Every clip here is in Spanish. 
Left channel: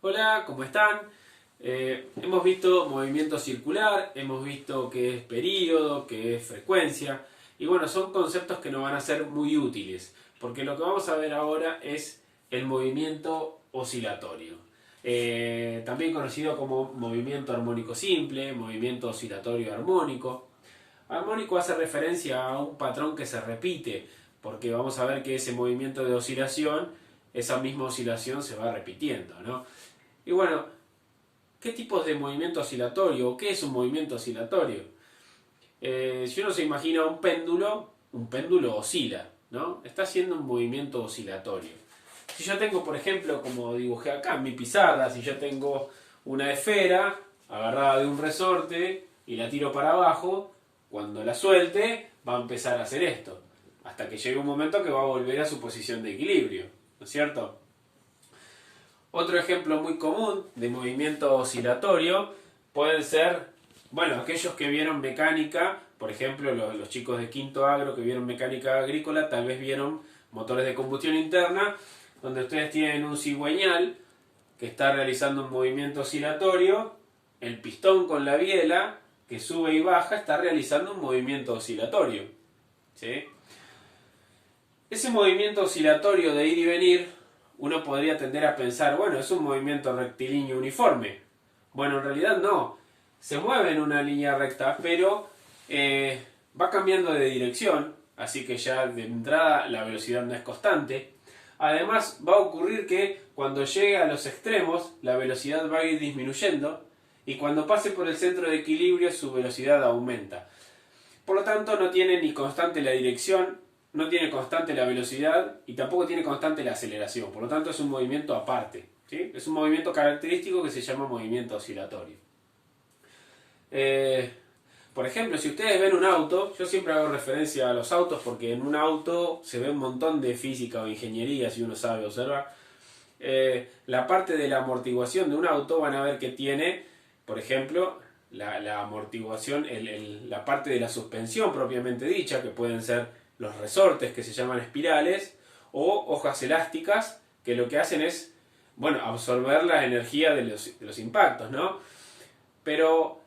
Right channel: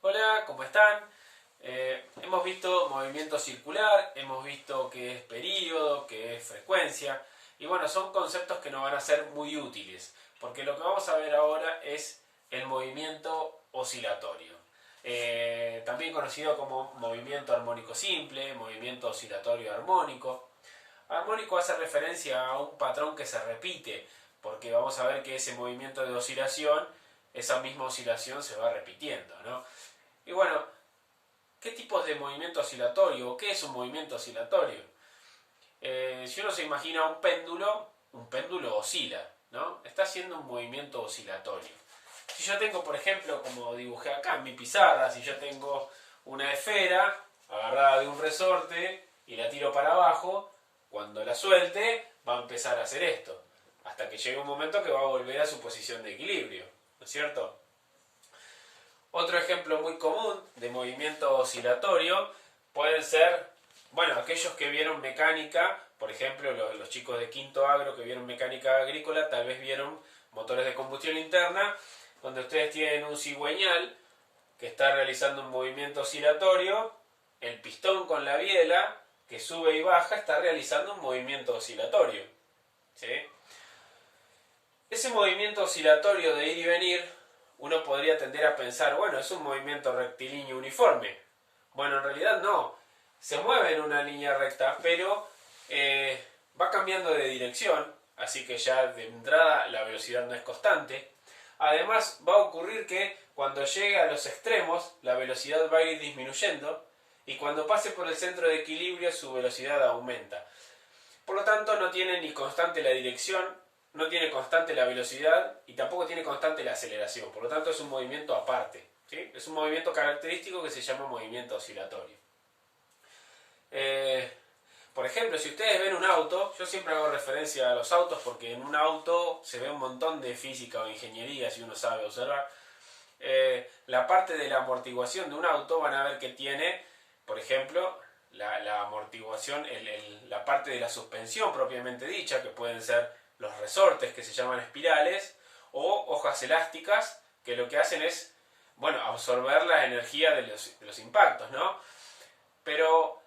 Hola, ¿cómo están? Hemos visto movimiento circular, hemos visto qué es período, qué es frecuencia, y bueno, son conceptos que nos van a ser muy útiles, porque lo que vamos a ver ahora es el movimiento oscilatorio, también conocido como movimiento armónico simple, movimiento oscilatorio armónico. Armónico hace referencia a un patrón que se repite, porque vamos a ver que ese movimiento de oscilación, esa misma oscilación se va repitiendo, ¿no? Y bueno, ¿qué tipos de movimiento oscilatorio? ¿Qué es un movimiento oscilatorio? Si uno se imagina un péndulo oscila, ¿no? Está haciendo un movimiento oscilatorio. Si yo tengo, por ejemplo, como dibujé acá en mi pizarra, si yo tengo una esfera agarrada de un resorte y la tiro para abajo, cuando la suelte va a empezar a hacer esto, hasta que llegue un momento que va a volver a su posición de equilibrio, ¿no es cierto? Otro ejemplo muy común de movimiento oscilatorio pueden ser, bueno, aquellos que vieron mecánica, por ejemplo, los chicos de quinto agro que vieron mecánica agrícola, tal vez vieron motores de combustión interna, donde ustedes tienen un cigüeñal que está realizando un movimiento oscilatorio, el pistón con la biela que sube y baja está realizando un movimiento oscilatorio, ¿sí? Ese movimiento oscilatorio de ir y venir, uno podría tender a pensar, bueno, es un movimiento rectilíneo uniforme. Bueno, en realidad no. Se mueve en una línea recta, pero va cambiando de dirección, así que ya de entrada la velocidad no es constante. Además, va a ocurrir que cuando llegue a los extremos, la velocidad va a ir disminuyendo y cuando pase por el centro de equilibrio, su velocidad aumenta. Por lo tanto, no tiene ni constante la dirección, no tiene constante la velocidad y tampoco tiene constante la aceleración. Por lo tanto, es un movimiento aparte, ¿sí? Es un movimiento característico que se llama movimiento oscilatorio. Eh, por ejemplo, si ustedes ven un auto, yo siempre hago referencia a los autos porque en un auto se ve un montón de física o ingeniería si uno sabe observar. La parte de la amortiguación de un auto van a ver que tiene, por ejemplo, la amortiguación, la parte de la suspensión propiamente dicha, que pueden ser los resortes que se llaman espirales, o hojas elásticas, que lo que hacen es, bueno, absorber la energía de los impactos, ¿no? Pero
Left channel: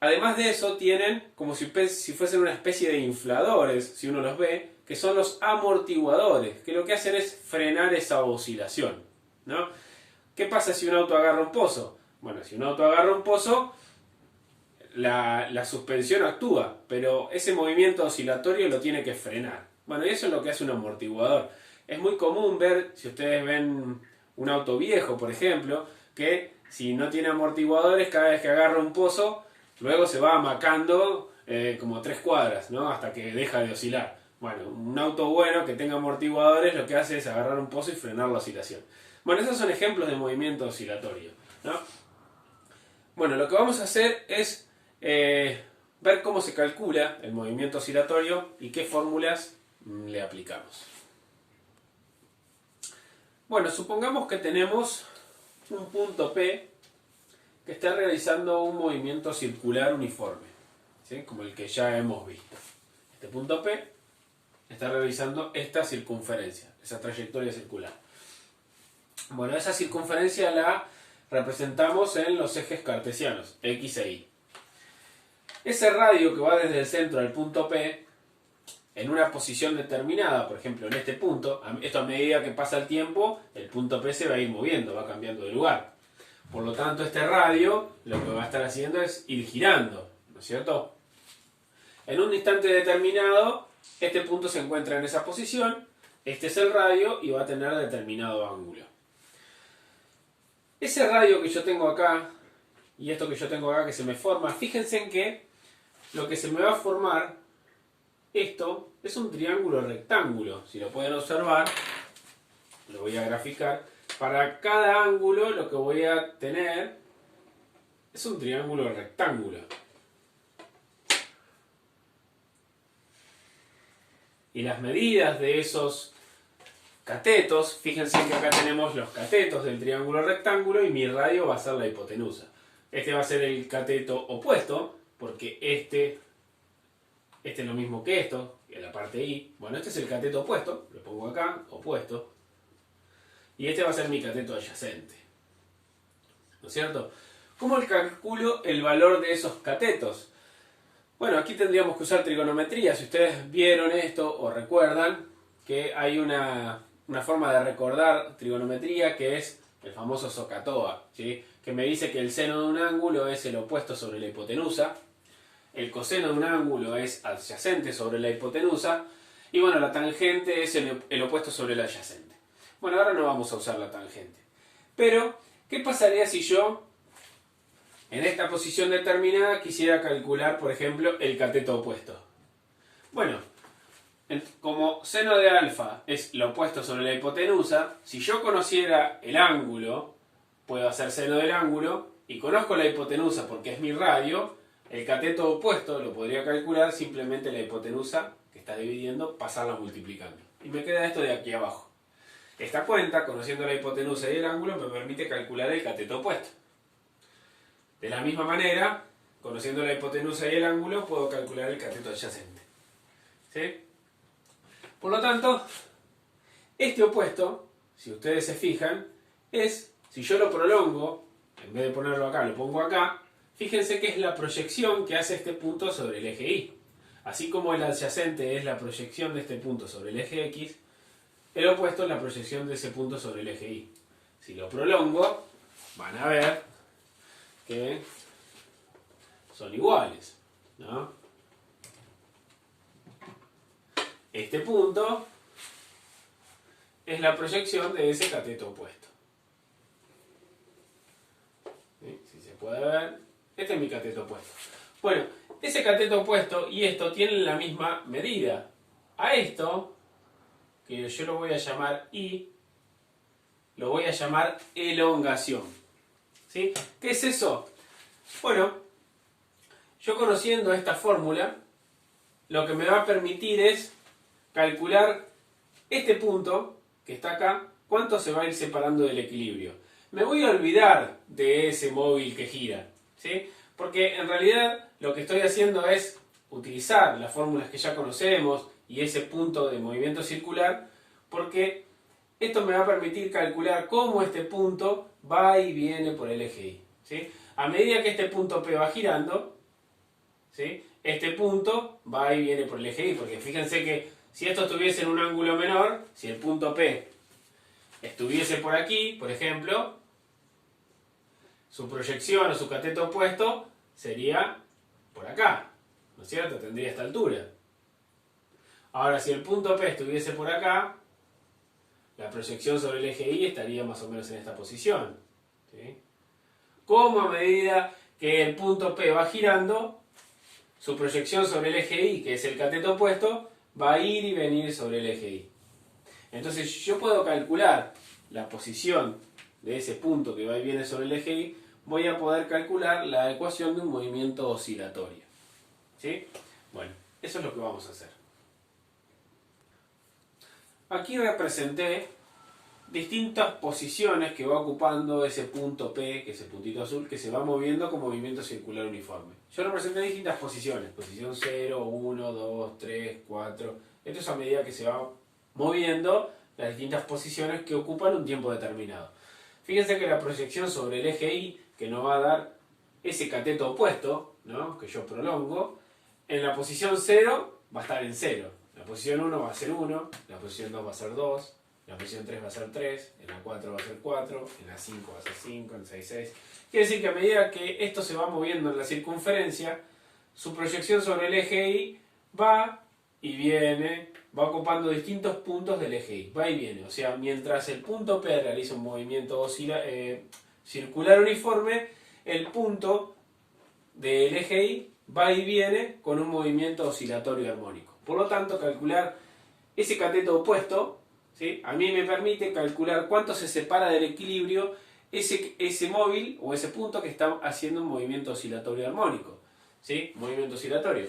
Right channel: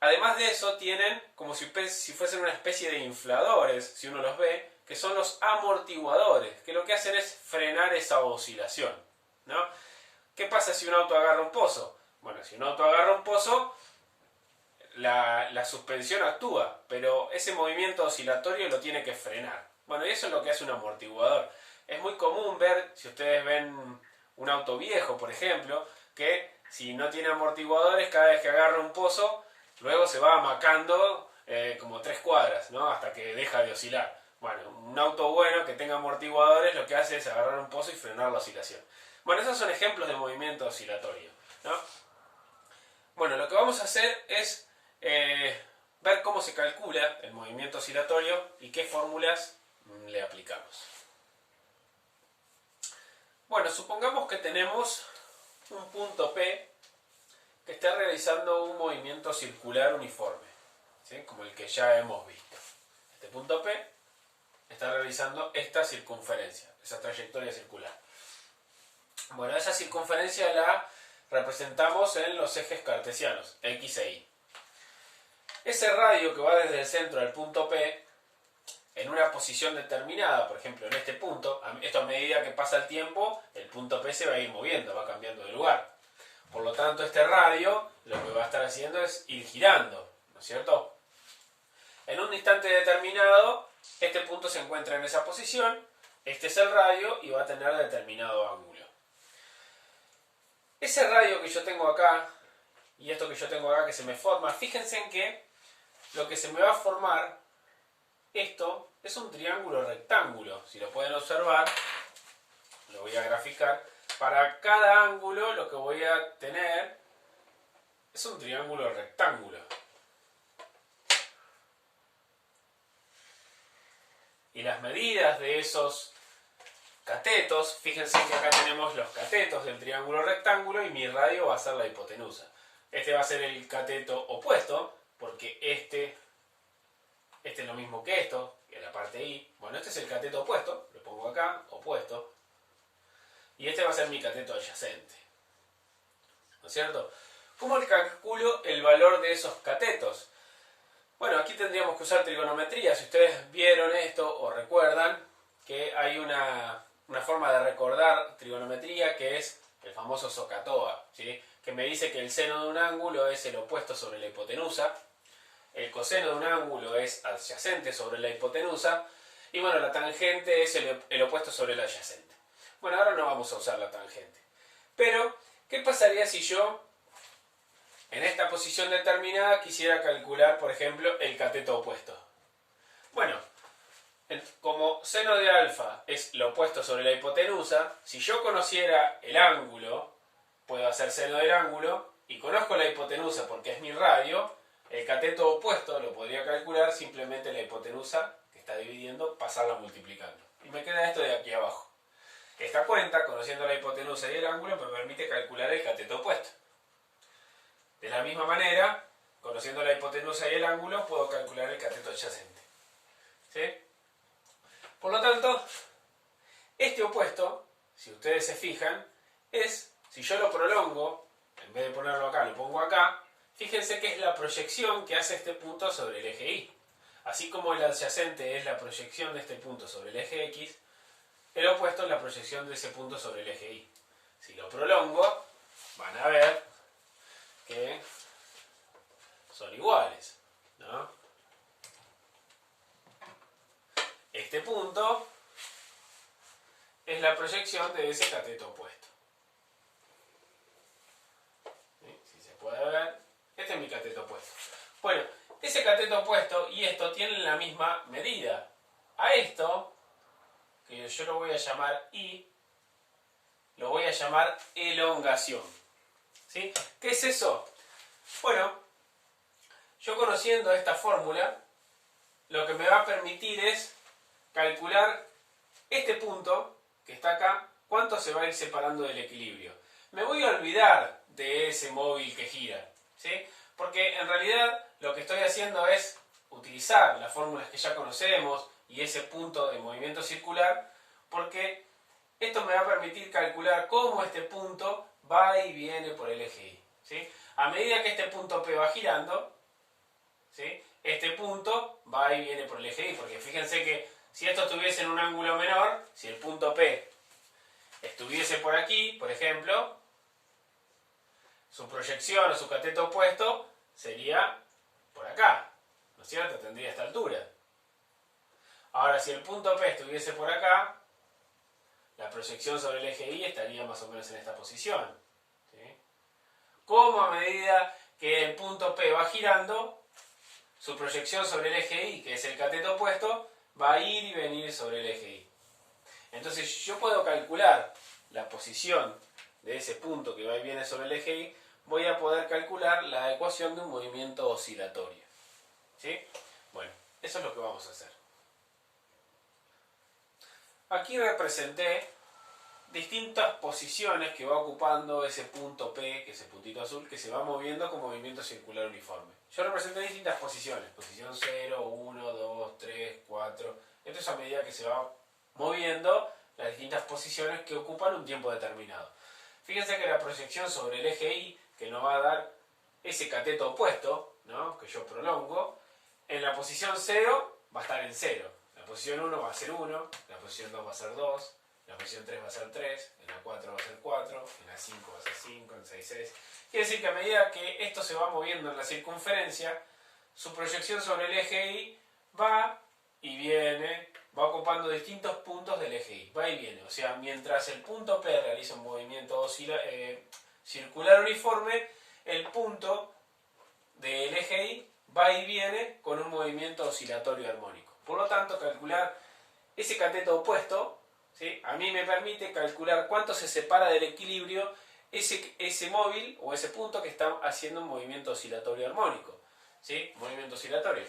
además de eso tienen como si fuesen una especie de infladores, si uno los ve, que son los amortiguadores, que lo que hacen es frenar esa oscilación, ¿no? ¿Qué pasa si un auto agarra un pozo? Bueno, si un auto agarra un pozo, la suspensión actúa, pero ese movimiento oscilatorio lo tiene que frenar. Bueno, y eso es lo que hace un amortiguador. Es muy común ver, si ustedes ven un auto viejo, por ejemplo, que si no tiene amortiguadores, cada vez que agarra un pozo, luego se va amacando como 3 cuadras, ¿no? Hasta que deja de oscilar. Bueno, un auto bueno que tenga amortiguadores lo que hace es agarrar un pozo y frenar la oscilación. Bueno, esos son ejemplos de movimiento oscilatorio, ¿no? Bueno, lo que vamos a hacer es ver cómo se calcula el movimiento oscilatorio y qué fórmulas le aplicamos. Bueno, supongamos que tenemos un punto P que está realizando un movimiento circular uniforme, ¿sí? Como el que ya hemos visto. Este punto P está realizando esta circunferencia, esa trayectoria circular. Bueno, esa circunferencia la representamos en los ejes cartesianos, X e Y. Ese radio que va desde el centro al punto P, en una posición determinada, por ejemplo en este punto, esto a medida que pasa el tiempo, el punto P se va a ir moviendo, va cambiando de lugar. Por lo tanto, este radio lo que va a estar haciendo es ir girando, ¿no es cierto? En un instante determinado, este punto se encuentra en esa posición, este es el radio y va a tener determinado ángulo. Ese radio que yo tengo acá y esto que yo tengo acá que se me forma, fíjense en que lo que se me va a formar, esto es un triángulo rectángulo. Si lo pueden observar, lo voy a graficar. Para cada ángulo lo que voy a tener es un triángulo rectángulo. Y las medidas de esos catetos, fíjense que acá tenemos los catetos del triángulo rectángulo y mi radio va a ser la hipotenusa. Este va a ser el cateto opuesto, porque este es lo mismo que esto, que la parte I. Bueno, este es el cateto opuesto, lo pongo acá, opuesto. Y este va a ser mi cateto adyacente. ¿no es cierto? ¿Cómo calculo el valor de esos catetos? Bueno, aquí tendríamos que usar trigonometría. Si ustedes vieron esto o recuerdan que hay una forma de recordar trigonometría que es el famoso SOHCAHTOA, ¿sí? Que me dice que el seno de un ángulo es el opuesto sobre la hipotenusa, el coseno de un ángulo es adyacente sobre la hipotenusa, y bueno, la tangente es el opuesto sobre el adyacente. Bueno, ahora no vamos a usar la tangente. Pero, ¿qué pasaría si yo, en esta posición determinada, quisiera calcular, por ejemplo, el cateto opuesto? Bueno, como seno de alfa es lo opuesto sobre la hipotenusa, si yo conociera el ángulo, puedo hacer seno del ángulo, y conozco la hipotenusa porque es mi radio, el cateto opuesto lo podría calcular simplemente la hipotenusa que está dividiendo, pasarla multiplicando. Y me queda esto de aquí abajo. Esta cuenta, conociendo la hipotenusa y el ángulo, me permite calcular el cateto opuesto. De la misma manera, conociendo la hipotenusa y el ángulo, puedo calcular el cateto adyacente. ¿Sí? Por lo tanto, este opuesto, si ustedes se fijan, es, si yo lo prolongo, en vez de ponerlo acá, lo pongo acá, fíjense que es la proyección que hace este punto sobre el eje Y. Así como el adyacente es la proyección de este punto sobre el eje X, el opuesto es la proyección de ese punto sobre el eje Y. Si lo prolongo, van a ver que son iguales, ¿no? Este punto es la proyección de ese cateto opuesto. ¿Sí? Si se puede ver, este es mi cateto opuesto. Bueno, ese cateto opuesto y esto tienen la misma medida. A esto, que yo lo voy a llamar I, lo voy a llamar elongación. ¿Sí? ¿Qué es eso? Bueno, yo conociendo esta fórmula, lo que me va a permitir es calcular este punto que está acá, cuánto se va a ir separando del equilibrio. Me voy a olvidar de ese móvil que gira, ¿sí? Porque en realidad lo que estoy haciendo es utilizar las fórmulas que ya conocemos y ese punto de movimiento circular, porque esto me va a permitir calcular cómo este punto va y viene por el eje Y, ¿sí? A medida que este punto P va girando, ¿sí? Este punto va y viene por el eje Y, porque fíjense que si esto estuviese en un ángulo menor, si el punto P estuviese por aquí, por ejemplo, su proyección o su cateto opuesto sería por acá, ¿no es cierto? Tendría esta altura. Ahora, si el punto P estuviese por acá, la proyección sobre el eje Y estaría más o menos en esta posición, ¿sí? Como a medida que el punto P va girando, su proyección sobre el eje Y, que es el cateto opuesto, va a ir y venir sobre el eje Y. Entonces yo puedo calcular la posición de ese punto que va y viene sobre el eje Y, voy a poder calcular la ecuación de un movimiento oscilatorio. ¿Sí? Bueno, eso es lo que vamos a hacer. Aquí representé distintas posiciones que va ocupando ese punto P, que es el puntito azul, que se va moviendo con movimiento circular uniforme. Yo representé distintas posiciones, posición 0, 1, 2, 3, 4. Esto es a medida que se va moviendo las distintas posiciones que ocupan un tiempo determinado. Fíjense que la proyección sobre el eje Y, que nos va a dar ese cateto opuesto, ¿no?, que yo prolongo, en la posición 0 va a estar en 0. La posición 1 va a ser 1, la posición 2 va a ser 2, la posición 3 va a ser 3, en la 4 va a ser 4, en la 5 va a ser 5, en la 6, 6. Quiere decir que a medida que esto se va moviendo en la circunferencia, su proyección sobre el eje Y va y viene, va ocupando distintos puntos del eje Y, va y viene. O sea, mientras el punto P realiza un movimiento circular uniforme, el punto del eje Y va y viene con un movimiento oscilatorio armónico. Por lo tanto, calcular ese cateto opuesto, ¿sí?, a mí me permite calcular cuánto se separa del equilibrio ese móvil o ese punto que está haciendo un movimiento oscilatorio armónico, ¿sí?, movimiento oscilatorio.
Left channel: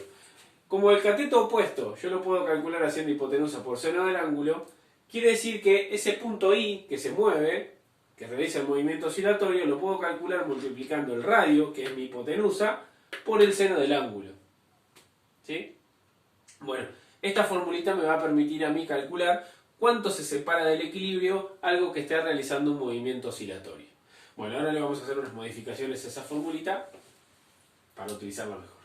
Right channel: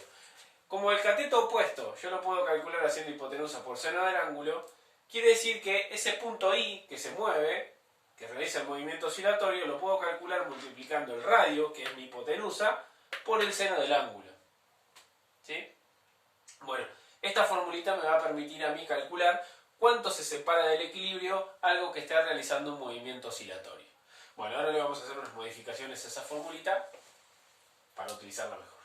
Como el cateto opuesto yo lo puedo calcular haciendo hipotenusa por seno del ángulo, quiere decir que ese punto I que se mueve, que realiza el movimiento oscilatorio, lo puedo calcular multiplicando el radio, que es mi hipotenusa, por el seno del ángulo. ¿Sí? Bueno, esta formulita me va a permitir a mí calcular cuánto se separa del equilibrio algo que esté realizando un movimiento oscilatorio. Bueno, ahora le vamos a hacer unas modificaciones a esa formulita para utilizarla mejor.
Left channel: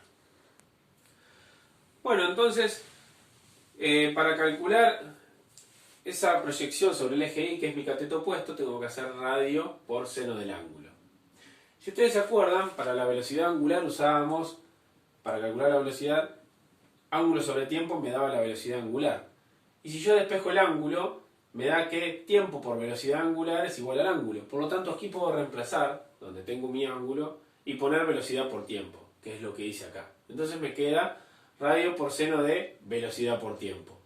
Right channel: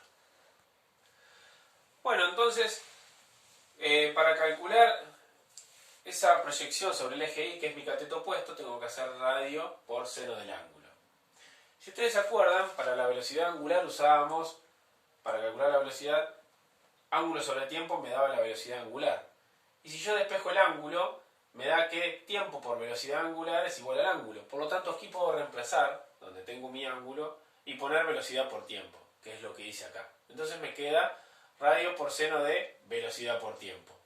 Bueno, entonces, para calcular esa proyección sobre el eje Y, que es mi cateto opuesto, tengo que hacer radio por seno del ángulo. Si ustedes se acuerdan, para la velocidad angular usábamos, para calcular la velocidad, ángulo sobre tiempo me daba la velocidad angular. Y si yo despejo el ángulo, me da que tiempo por velocidad angular es igual al ángulo. Por lo tanto, aquí puedo reemplazar, donde tengo mi ángulo, y poner velocidad por tiempo, que es lo que hice acá. Entonces me queda radio por seno de velocidad por tiempo.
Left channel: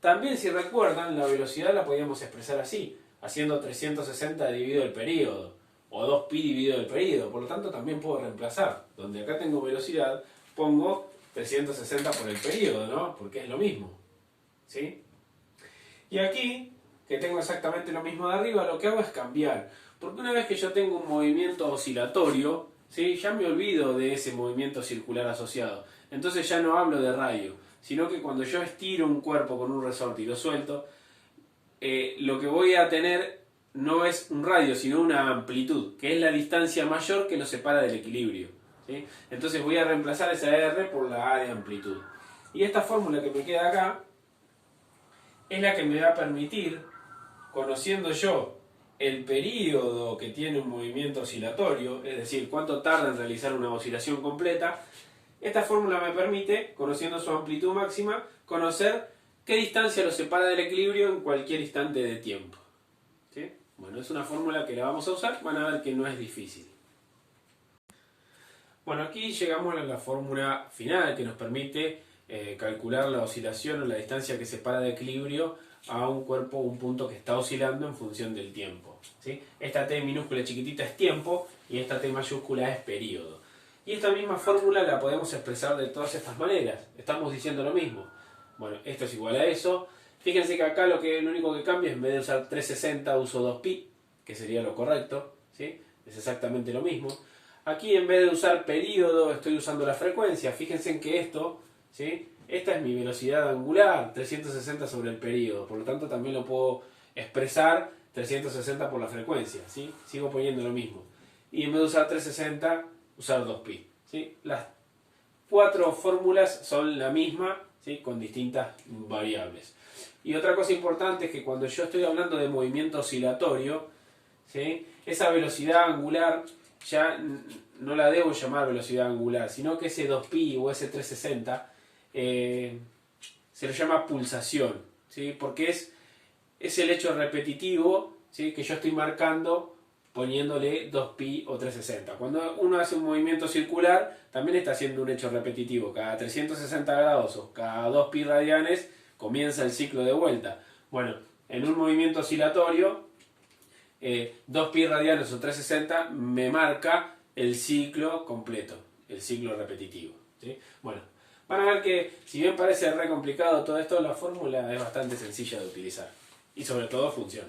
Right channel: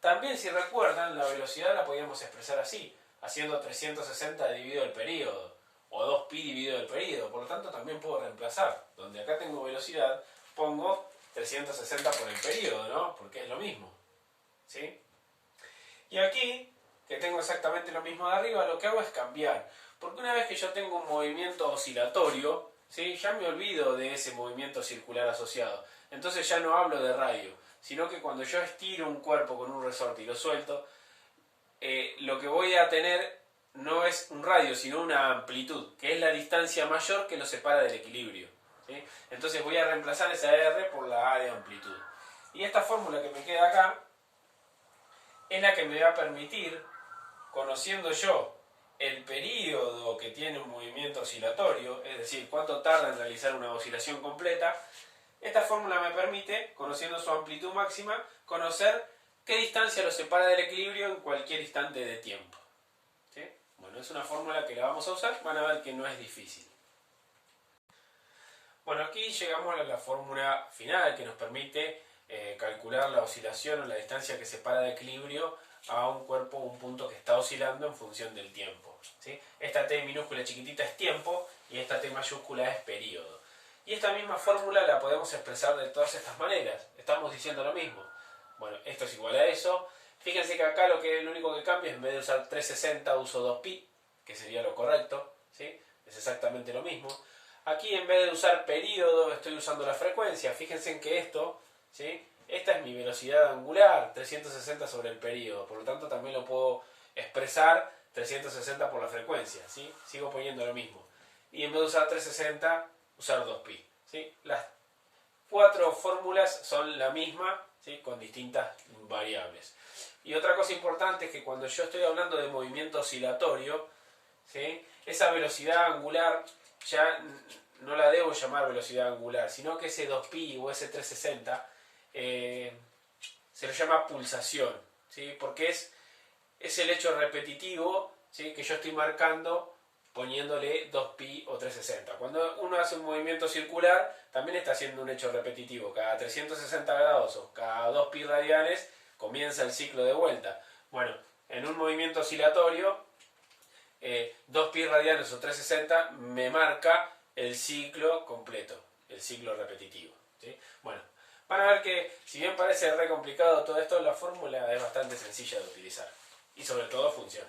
También, si recuerdan, la velocidad la podíamos expresar así, haciendo 360 dividido el período, o 2pi dividido el período. Por lo tanto, también puedo reemplazar. Donde acá tengo velocidad, pongo 360 por el período, ¿no? Porque es lo mismo. ¿Sí? Y aquí, que tengo exactamente lo mismo de arriba, lo que hago es cambiar. Porque una vez que yo tengo un movimiento oscilatorio, ¿sí? Ya me olvido de ese movimiento circular asociado. Entonces ya no hablo de radio, sino que cuando yo estiro un cuerpo con un resorte y lo suelto, lo que voy a tener no es un radio, sino una amplitud, que es la distancia mayor que lo separa del equilibrio. ¿Sí? Entonces voy a reemplazar esa R por la A de amplitud. Y esta fórmula que me queda acá es la que me va a permitir, conociendo yo el período que tiene un movimiento oscilatorio, es decir, cuánto tarda en realizar una oscilación completa, esta fórmula me permite, conociendo su amplitud máxima, conocer qué distancia lo separa del equilibrio en cualquier instante de tiempo. ¿Sí? Bueno, es una fórmula que la vamos a usar, van a ver que no es difícil. Bueno, aquí llegamos a la fórmula final que nos permite calcular la oscilación o la distancia que separa de equilibrio a un cuerpo o un punto que está oscilando en función del tiempo. ¿Sí? Esta T minúscula chiquitita es tiempo y esta T mayúscula es período. Y esta misma fórmula la podemos expresar de todas estas maneras. Estamos diciendo lo mismo. Bueno, esto es igual a eso. Fíjense que acá lo único que cambia es, en vez de usar 360 uso 2pi, que sería lo correcto. ¿Sí? Es exactamente lo mismo. Aquí en vez de usar período estoy usando la frecuencia. Fíjense en que esto, ¿sí? Esta es mi velocidad angular, 360 sobre el período. Por lo tanto también lo puedo expresar 360 por la frecuencia. ¿Sí? Sigo poniendo lo mismo. Y en vez de usar 360, usar 2pi. ¿Sí? Las cuatro fórmulas son la misma, ¿sí? Con distintas variables. Y otra cosa importante es que cuando yo estoy hablando de movimiento oscilatorio, ¿sí? Esa velocidad angular ya no la debo llamar velocidad angular, sino que ese 2pi o ese 360 se lo llama pulsación, ¿sí? Porque es el hecho repetitivo, ¿sí? Que yo estoy marcando poniéndole 2pi o 360. Cuando uno hace un movimiento circular, también está haciendo un hecho repetitivo. Cada 360 grados o cada 2pi radianes comienza el ciclo de vuelta. Bueno, en un movimiento oscilatorio, 2pi radianes o 360 me marca el ciclo completo, el ciclo repetitivo. ¿Sí? Bueno, van a ver que si bien parece re complicado todo esto, la fórmula es bastante sencilla de utilizar y sobre todo funciona.